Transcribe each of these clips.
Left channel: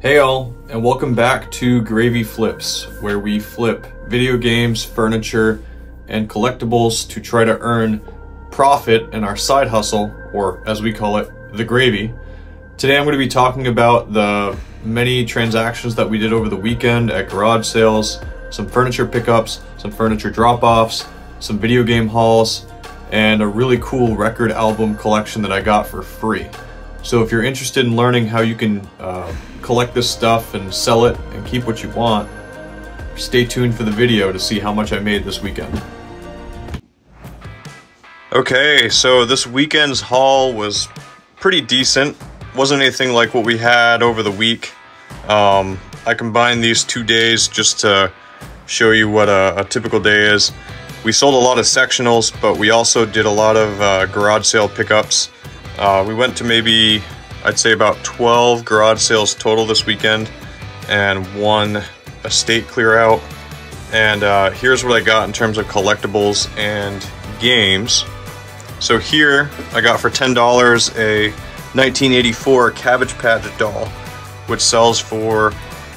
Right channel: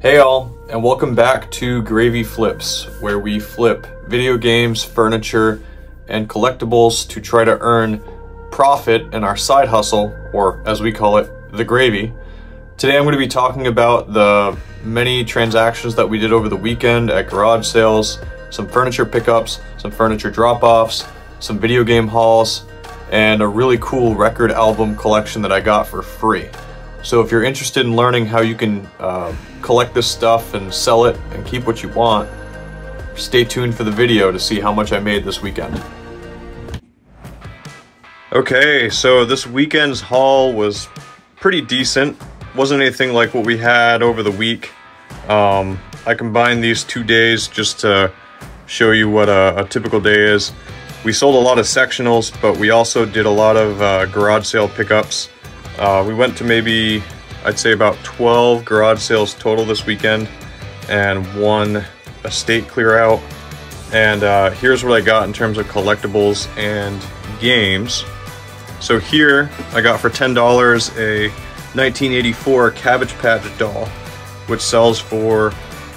Hey all, and welcome back to Gravy Flips, where we flip video games, furniture, and collectibles to try to earn profit in our side hustle, or as we call it, the gravy. Today I'm going to be talking about the many transactions that we did over the weekend at garage sales, some furniture pickups, some furniture drop-offs, some video game hauls, and a really cool record album collection that I got for free. So if you're interested in learning how you can collect this stuff and sell it and keep what you want, stay tuned for the video to see how much I made this weekend. Okay, so this weekend's haul was pretty decent. Wasn't anything like what we had over the week. I combined these 2 days just to show you what a typical day is. We sold a lot of sectionals, but we also did a lot of garage sale pickups. We went to maybe, I'd say about 12 garage sales total this weekend and one estate clear out. And here's what I got in terms of collectibles and games. So here I got for $10 a 1984 Cabbage Patch doll, which sells for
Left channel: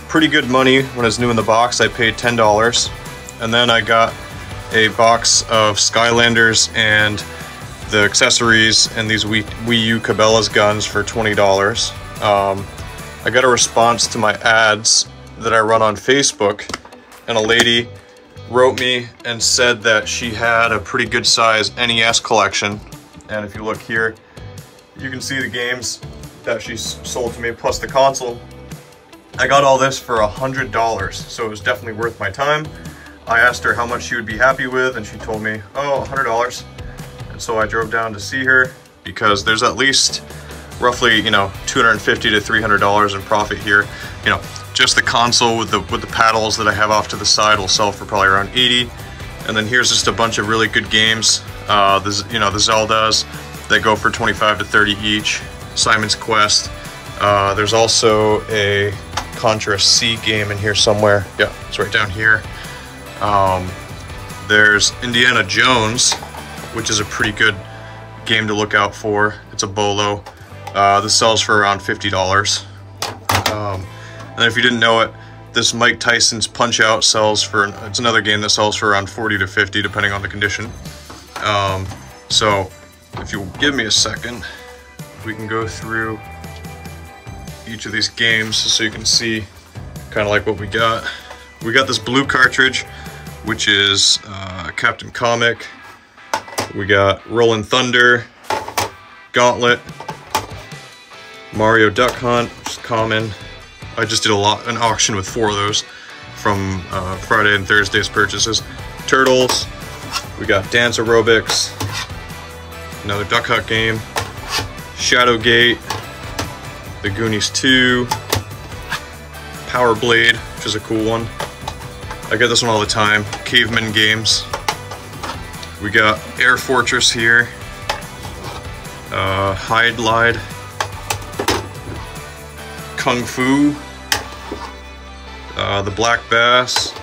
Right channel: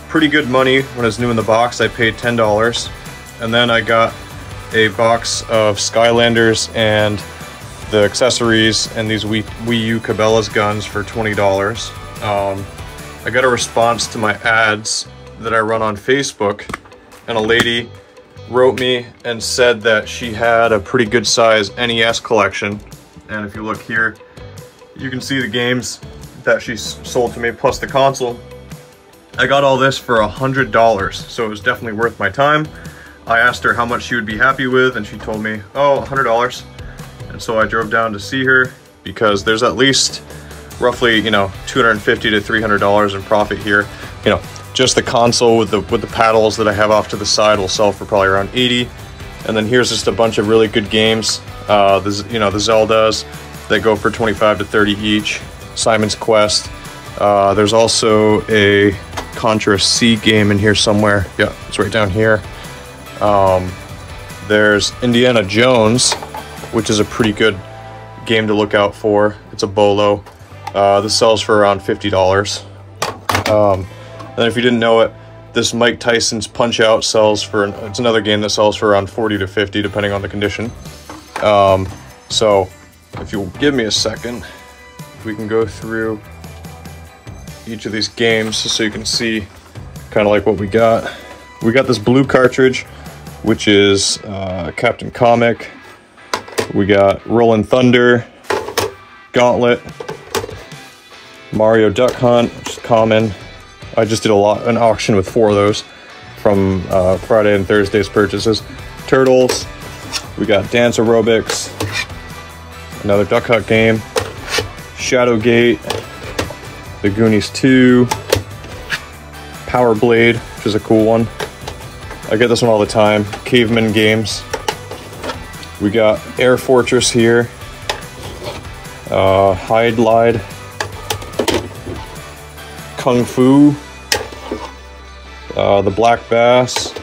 pretty good money. When it's new in the box, I paid $10. And then I got a box of Skylanders and the accessories and these Wii U Cabela's guns for $20. I got a response to my ads that I run on Facebook, and a lady wrote me and said that she had a pretty good size NES collection. And if you look here, you can see the games that she sold to me plus the console. I got all this for $100, so it was definitely worth my time. I asked her how much she would be happy with, and she told me, oh, $100. And so I drove down to see her because there's at least roughly, $250 to $300 in profit here. Just the console with the paddles that I have off to the side will sell for probably around 80. And then here's just a bunch of really good games. The Zeldas that go for 25 to 30 each. Simon's Quest. There's also a Contra C game in here somewhere. Yep, it's right down here. There's Indiana Jones, which is a pretty good game to look out for. It's a bolo. This sells for around $50. And if you didn't know it, this Mike Tyson's Punch-Out sells for, it's another game that sells for around 40 to 50 depending on the condition. So if you'll give me a second, we can go through each of these games so you can see kind of like what we got. We got this blue cartridge, which is Captain Comic. We got Rollin' Thunder, Gauntlet, Mario Duck Hunt, which is common. I just did an auction with 4 of those from Friday and Thursday's purchases. Turtles, we got Dance Aerobics, another Duck Hunt game, Shadowgate, The Goonies 2, Power Blade, which is a cool one. I get this one all the time. Caveman games. We got Air Fortress here, Hide Glide, Kung Fu, the Black Bass,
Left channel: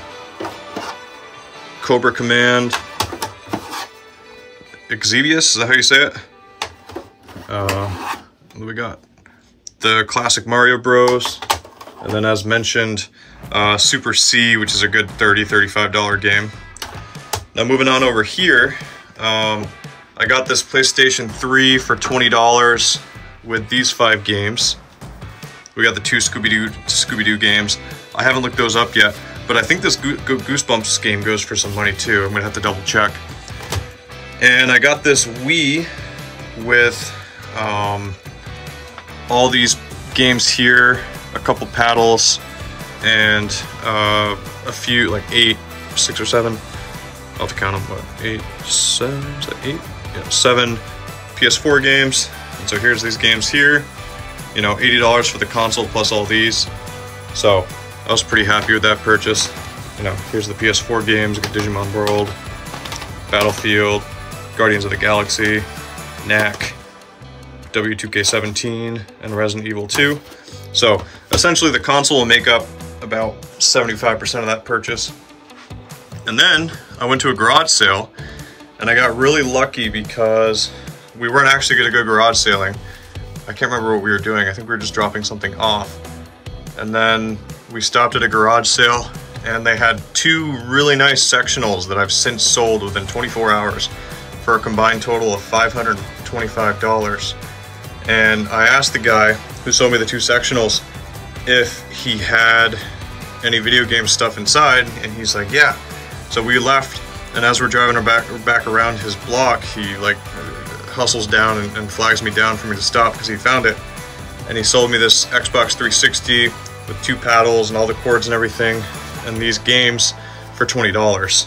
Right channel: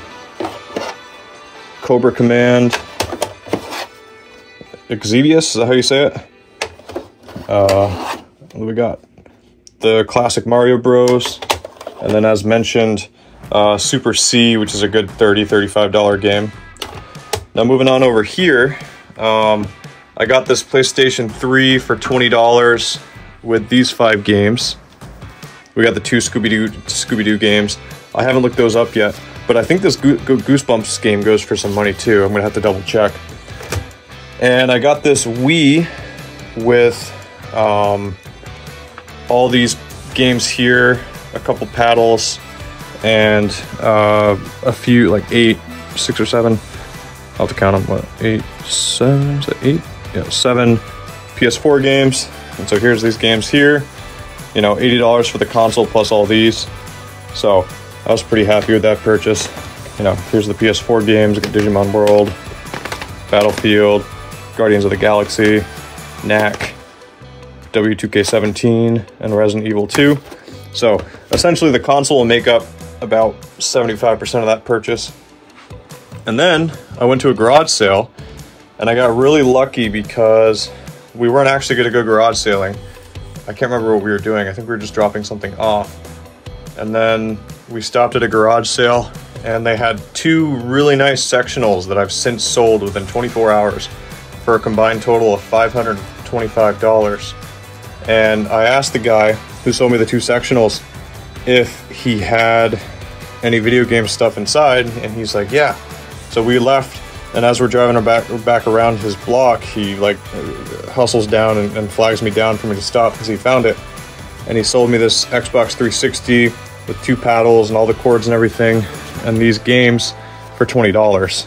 Cobra Command, Exvius, is that how you say it? What do we got? The classic Mario Bros. And then as mentioned, Super C, which is a good $30, $35 game. Now moving on over here, I got this PlayStation 3 for $20 with these 5 games. We got the 2 Scooby-Doo games. I haven't looked those up yet, but I think this Goosebumps game goes for some money too. I'm gonna have to double check. And I got this Wii with all these games here, a couple paddles, and a few, like 6 or 7. I'll have to count them. What, 8, 7, is that 8? Yeah, 7 PS4 games. And so here's these games here. You know, $80 for the console plus all these. So I was pretty happy with that purchase. You know, here's the PS4 games: Digimon World, Battlefield, Guardians of the Galaxy, Knack, W2K17, and Resident Evil 2. So essentially the console will make up about 75% of that purchase. And then I went to a garage sale, and I got really lucky because we weren't actually going to go garage sailing. I can't remember what we were doing. I think we were just dropping something off. And then we stopped at a garage sale, and they had 2 really nice sectionals that I've since sold within 24 hours for a combined total of $525. And I asked the guy who sold me the 2 sectionals if he had any video game stuff inside, and he's like, yeah. So we left, and as we're driving back around his block, he like hustles down and flags me down for me to stop because he found it. And he sold me this Xbox 360 with 2 paddles and all the cords and everything, and these games for $20.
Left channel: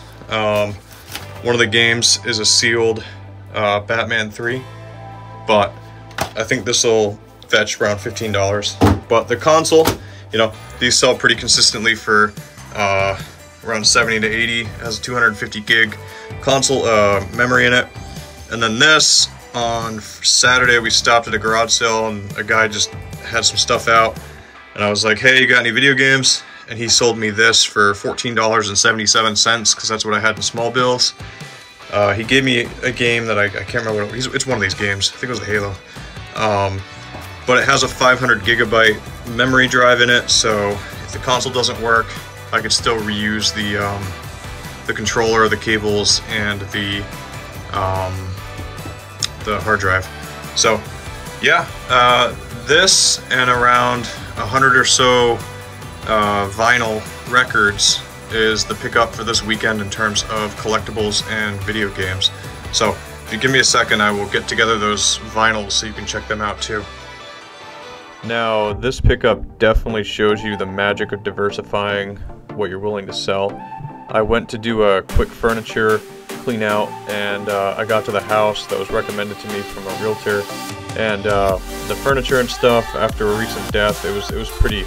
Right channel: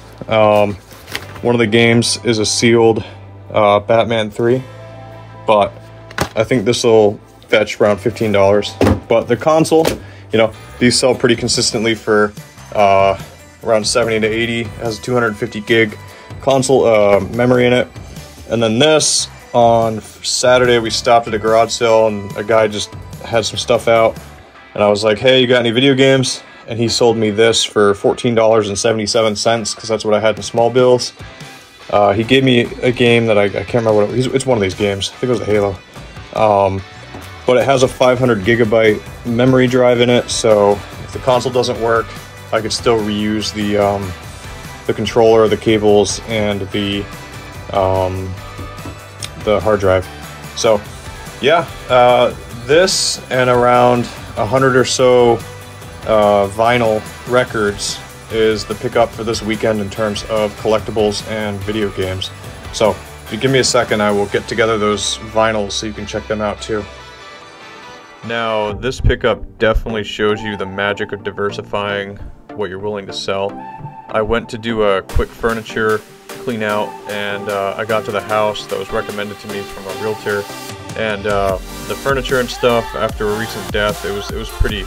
One of the games is a sealed Batman 3, but I think this will fetch around $15. But the console, you know, these sell pretty consistently for around 70 to 80. It has a 250 gig console memory in it. And then this, on Saturday, we stopped at a garage sale, and a guy just had some stuff out. And I was like, hey, you got any video games? And he sold me this for $14.77, because that's what I had in small bills. He gave me a game that I can't remember what it was. It's one of these games. I think it was the Halo. But it has a 500 gigabyte memory drive in it, so if the console doesn't work, I could still reuse the controller, the cables, and the hard drive. So yeah, this and around 100 or so vinyl records is the pickup for this weekend in terms of collectibles and video games. So if you give me a second, I will get together those vinyls so you can check them out too. Now, this pickup definitely shows you the magic of diversifying what you're willing to sell. I went to do a quick furniture clean out, and I got to the house that was recommended to me from a realtor, and the furniture and stuff, after a recent death, it was pretty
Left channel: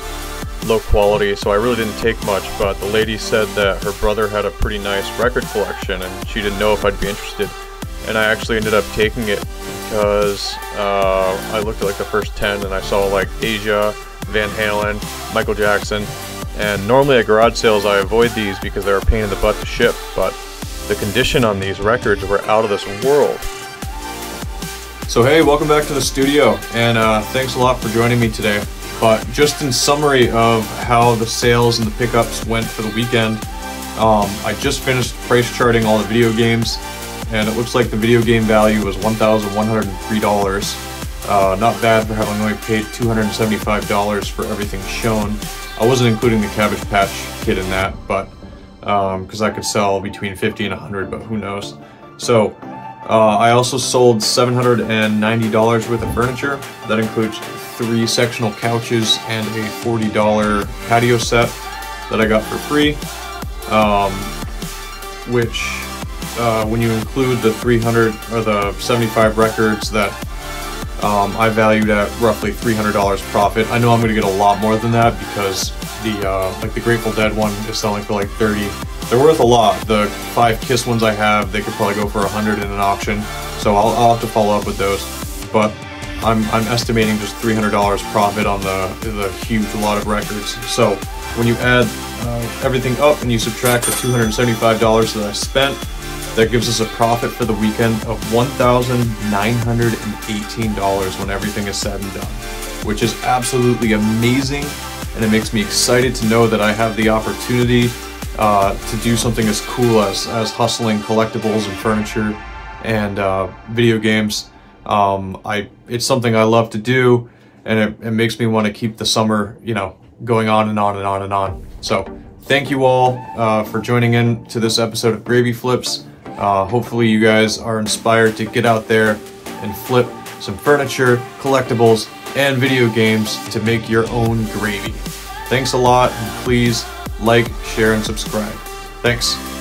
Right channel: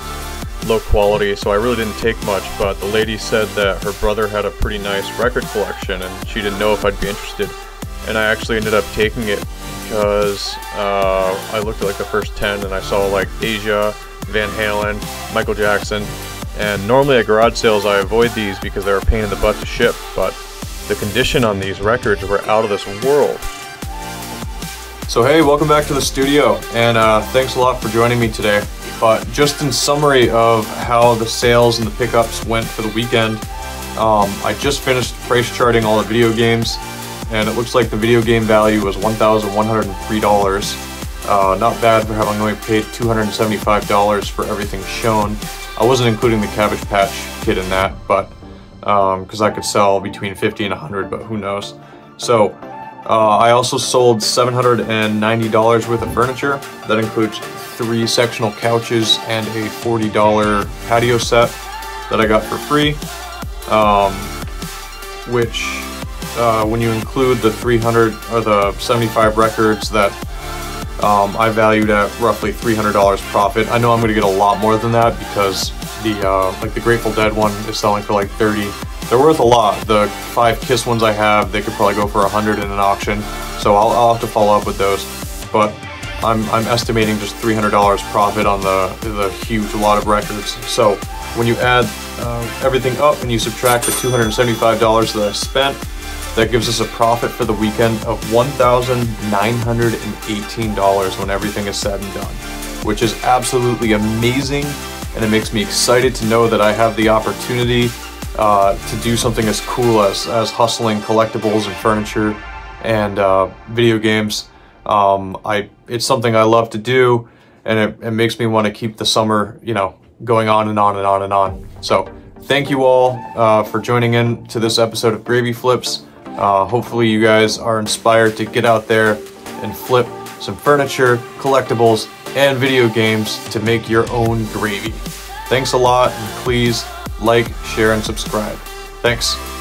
low quality, so I really didn't take much. But the lady said that her brother had a pretty nice record collection, and she didn't know if I'd be interested, and I actually ended up taking it because I looked at like the first 10, and I saw like Asia, Van Halen, Michael Jackson. And normally at garage sales I avoid these because they're a pain in the butt to ship, but the condition on these records were out of this world. So hey, welcome back to the studio, and thanks a lot for joining me today. But just in summary of how the sales and the pickups went for the weekend, I just finished price charting all the video games, and it looks like the video game value was $1,103. Not bad for having only paid $275 for everything shown. I wasn't including the Cabbage Patch Kid in that, but because I could sell between 50 and 100, but who knows. So I also sold $790 worth of furniture. That includes 3 sectional couches and a $40 patio set that I got for free, which when you include the 300 or the 75 records that I valued at roughly $300 profit. I know I'm going to get a lot more than that because the Grateful Dead one is selling for like 30. They're worth a lot. The 5 Kiss ones I have, they could probably go for 100 in an auction. So I'll have to follow up with those. But I'm estimating just $300 profit on the huge lot of records. So when you add everything up and you subtract the $275 that I spent, that gives us a profit for the weekend of $1,918 when everything is said and done, which is absolutely amazing, and it makes me excited to know that I have the opportunity to do something as cool as hustling collectibles and furniture and video games. It's something I love to do, and it makes me want to keep the summer, you know, going on and on and on and on. So thank you all for joining in to this episode of Gravy Flips. Hopefully you guys are inspired to get out there and flip some furniture, collectibles, and video games to make your own gravy. Thanks a lot, and please like, share, and subscribe. Thanks.